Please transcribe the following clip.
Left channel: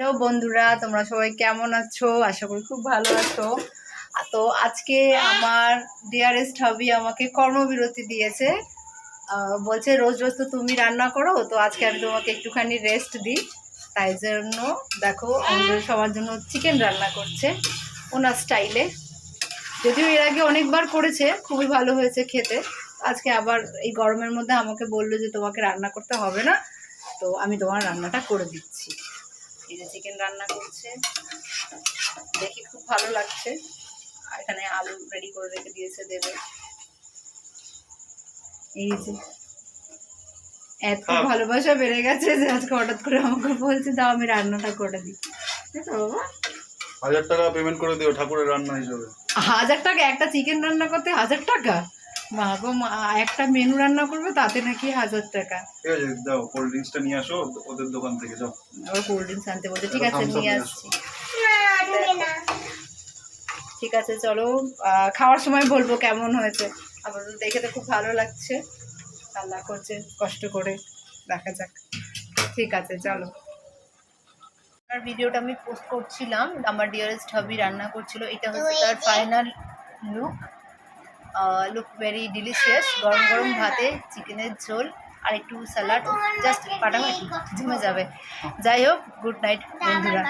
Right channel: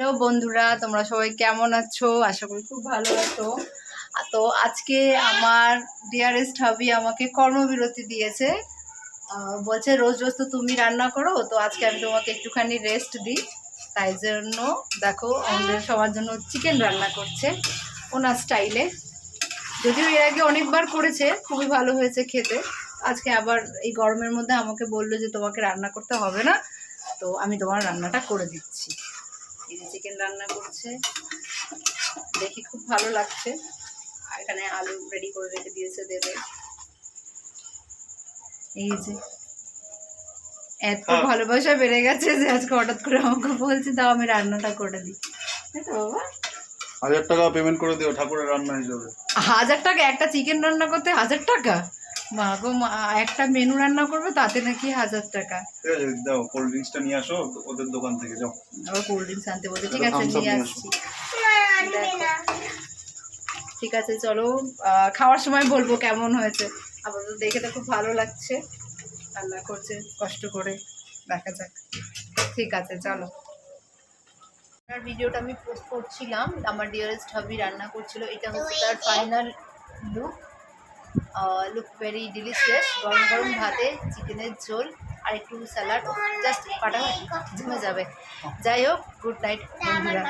Hello বন্ধুরা, তোমরা সবাই কেমন আছো? আশা করি খুব ভালো আছো। তো আজকে আমার ডিয়ারেস্ট হাবি আমাকে কর্মবিরতি দিয়েছে। বলছে রোজ রোজ তো তুমি রান্না করো, তো আজকে আমি তোমাকে একটুখানি রেস্ট দিই। তাই জন্য দেখো আমাদের সবার জন্য চিকেন রান্না করছে ওনার স্টাইলে। যদিও এর আগে অনেকবার করেছে, খুবই ভালো হয়েছে খেতে। আজকে আবার এই গরমের মধ্যে আমাকে বললো যে তোমাকে রান্না করতে হবে না, তো আমি তোমার রান্নাটা করে দিচ্ছি। এই যে চিকেন রান্না করছে, দেখি খুব ভালো লাগছে। আর এখানে আলু রেডি করে রেখে দিয়েছে, দেবে। এই যে এত ভালোবাসা বেড়ে গেছে যে আজকে হঠাৎ করে আমাকে বলছে দাও আমি রান্নাটা করে দিই। তাই তো বাবা? 1000 টাকা পেমেন্ট করে দিও ঠাকুরের রান্না হিসেবে। 1000 টাকা একটা চিকেন রান্না করতে? 1000 টাকা? মা গো মা, একটা মেনু রান্না করবে তাতে নাকি 1000 টাকা? ঠিক আছে, দাও কোল্ড ড্রিঙ্কসটা নিয়ে আসো ওদের দোকান থেকে, যাও। আবার কোল্ড ড্রিঙ্কস আনতে বলছে। ঠিক আছে, নিয়ে আসছি। ঠিক আছে, চলো খাওয়ার সময় বলবো কেমন হয়েছে। আবার দেখে তো খুব ভালো লাগছে, রান্না করছে কষ্ট করে, দেখা যাক। ঠিক আছে, চলো। আমার ভিডিওটা আমি পোস্ট করছিলাম, আমার ডিয়ারেস্ট হাবি রান্না করছিল। এটা হচ্ছে তার final look. Look very delicious. গরম গরম ভাতে চিকেনের ঝোল আর একটু স্যালাড, জাস্ট ফাটাফাটি জমে যাবে। যাই হোক, গুড নাইট বন্ধুরা।